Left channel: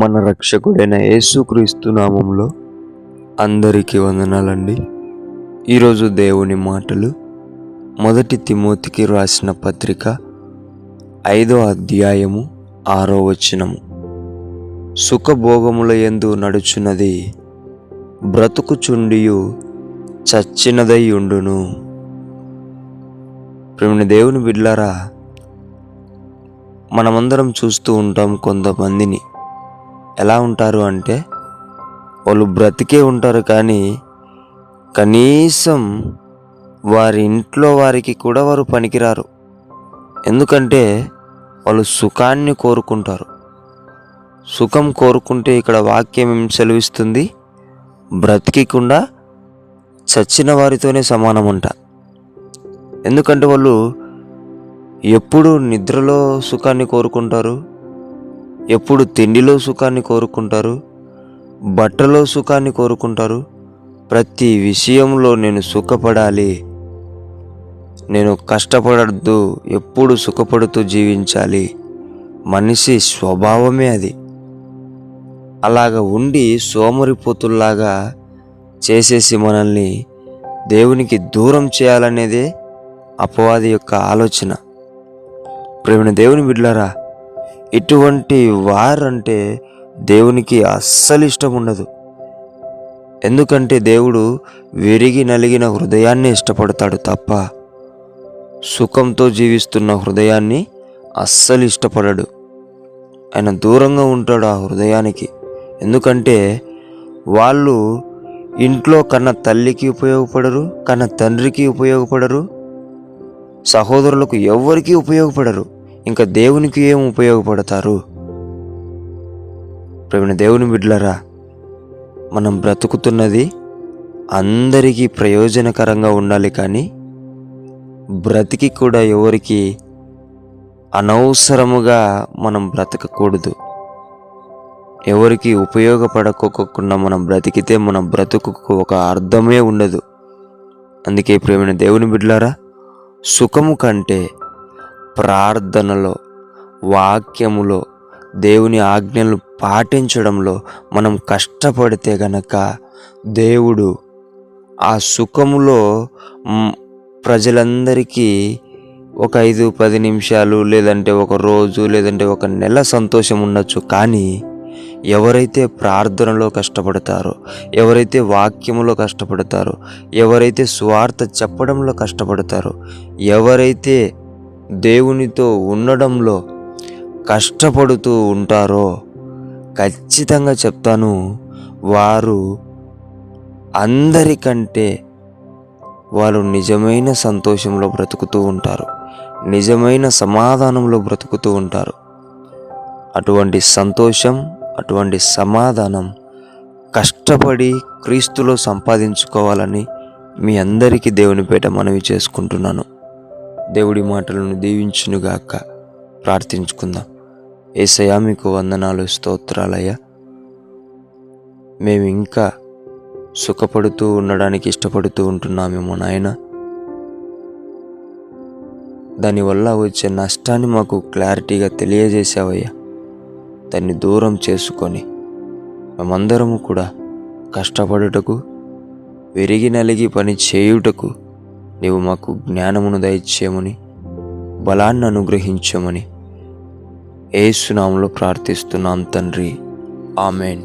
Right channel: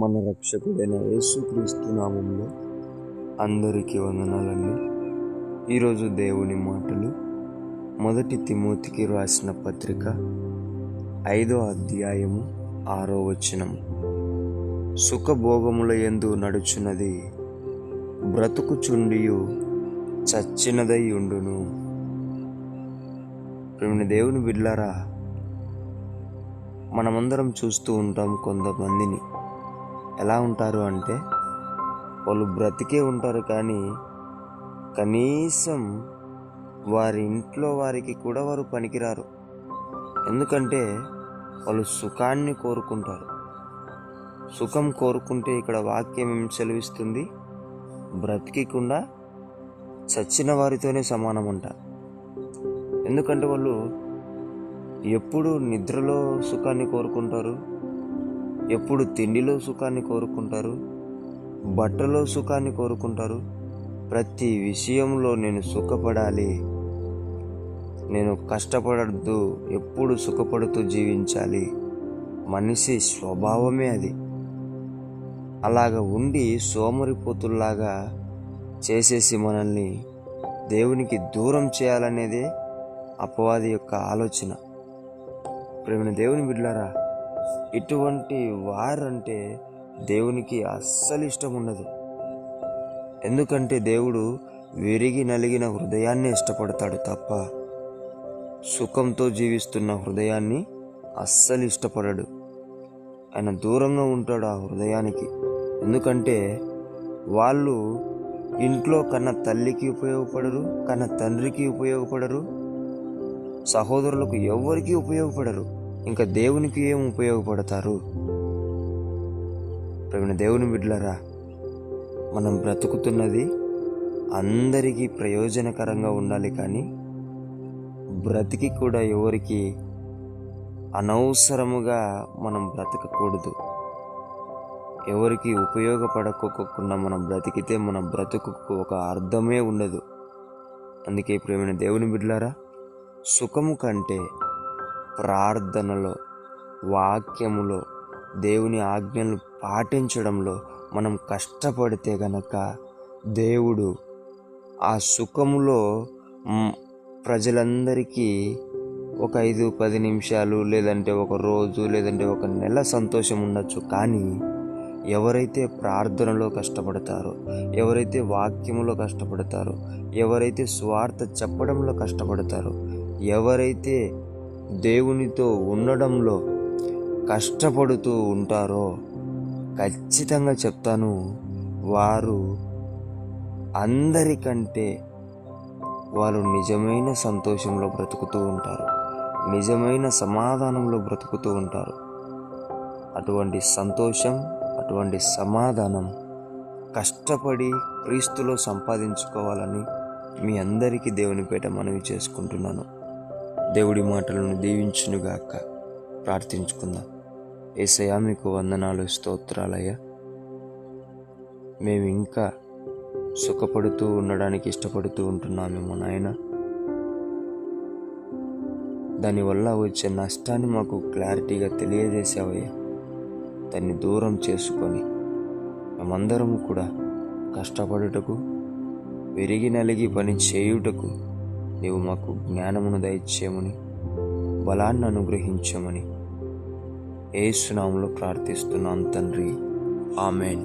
మన రక్షకుడైన యేసుక్రీస్తు నామంలో అందరికీ వందనాలండి. ఈరోజు దేవుని మాటలు 1 తిమోతికి రాసిన పత్రిక 5వ అధ్యాయము 6వ వచనము. సుఖభోగముల యందు నడుచున్నది బ్రతుకుచుండియు చచ్చినదై ఉండును. ప్రియమైన దేవుని బిడ్డలారా, మనమందరం చూస్తూ ఉంటాం. కొంతమందిని ఎలా ఉంటారు అంటే, వాళ్ళు బ్రతికే ఉంటారు, కానీ కనీసం వారి ఇంట్లో వారికి కూడా వారు పనికిరారు. ఎందుకంటే వాళ్ళు సుఖాన్ని కోరుకుంటారు. సుఖం కోరుకుంటే ఇక్కడ వాక్యం ఏం సెలవిస్తుంది? బ్రతికికుండా చచ్చిన వారితోనే సమానమంట. ఎందుకంటే వాళ్ళు ఎప్పుడు నిద్రలో సుఖాన్ని కోరుకుంటారు, ఎప్పుడు తిండిలో సుఖాన్ని కోరుకుంటారు, బట్టలో సుఖాన్ని కోరుకుంటారు. ప్రతి విషయంలో నేను సుఖపడాలి, నేను కష్టపడద్దు, ఎప్పుడు సుఖపడుతూ జీవించాలి. మనిషి స్వభావమే అది. అలాగ ఉండి సోమరిపోతుల్లాగా చేసేసి మనల్ని దేవునికి దూరం చేయాలనేదే అపవాది యొక్క ఆలోచన. ప్రేమైన దేవుని బిడ్డలారా, ఇటువంటి వారంటే దేవునికి అస్సలు ఇష్టం ఉండదు. ఎందుకంటే దేవుడు విరిగి నలిగిన హృదయాన్ని ఇష్టపడతాడు తప్ప సుఖంతో జీవిస్తున్న హృదయాన్ని అస్సలు ఇష్టపడడు. ఆయన దూరంగా ఉంటాడు ఆ హృదయానికి. ఎందుకంటే వాళ్ళు ఇంట్లో కన్న తల్లికి ఉపయోగపడరు, కన్న తండ్రికి ఉపయోగపడరు, సహోదరులకు ఎవ్వరికీ ఉపయోగపడరు. ఇంకా దేవునికి ఏం ఉపయోగపడతారు? ప్రేమ దేవుని బిడ్డలారా, మనం బ్రతుకుతున్నది అందరికీ ప్రయోజనకరంగా ఉండాలి, కానీ బ్రతికి కూడా ఎవరికి అనవసరముగా మనం బ్రతకకూడదు. ఎవరికి ఉపయోగపడకోకుండా మనం బ్రతికితే మన బ్రతుకుకు ఒక అర్థమే ఉండదు. అందుకే ప్రేమైన దేవుని బిడ్డలారా, సుఖము కంటే ప్రార్థనలో, వాక్యములో, దేవుని ఆజ్ఞలు పాటించడంలో మనం కష్టపడితే గనక దేవుడు ఆ సుఖములో ప్రజలందరికీ ఒక 5-10 నిమిషాలు, లేదంటే ఒక రోజు, లేదంటే ఒక నెల సంతోషం ఉండొచ్చు. కానీ ఎవరైతే ప్రార్థనలో కష్టపడతారో, ఎవరైతే వాక్యములో కష్టపడతారో, ఎవరైతే స్వార్థ చెప్పడంలో కష్టపడతారో, ఎవరైతే దేవునితో ఉండడంలో కష్టపడుతూ ఉంటారో, ఖచ్చితంగా చెప్తాను, వారు అందరికంటే వారు నిజమైన సంతోషంలో బ్రతుకుతూ ఉంటారు, నిజమైన సమాధానంలో బ్రతుకుతూ ఉంటారు. అటువంటి సంతోషం, అటువంటి సమాధానం కష్టపడి క్రీస్తులో సంపాదించుకోవాలని మీ అందరికీ దేవుని పేట మనవి చేసుకుంటున్నాను. దేవుడి మాటలను దీవించునుగాక. ప్రార్థించుకుందాం. యేసయ్యా, మీకు వందనాలు, స్తోత్రాలయ్యా. మేము ఇంకా సుఖపడుతూ ఉండడానికి ఇష్టపడుతూ ఉంటున్నామేమో నాయన. దానివల్ల వచ్చే నష్టాన్ని మాకు క్లారిటీగా తెలియజేసావయ్యా. దాన్ని దూరం చేసుకొని మేమందరము కూడా కష్టపడుటకు, విరిగి నలిగి పని చేయుటకు నీవు మాకు జ్ఞానమును దయచేయమని, బలాన్ని అనుగ్రహించమని యేసు నామములో ప్రార్థిస్తున్నాం తండ్రి. ఆమేన్.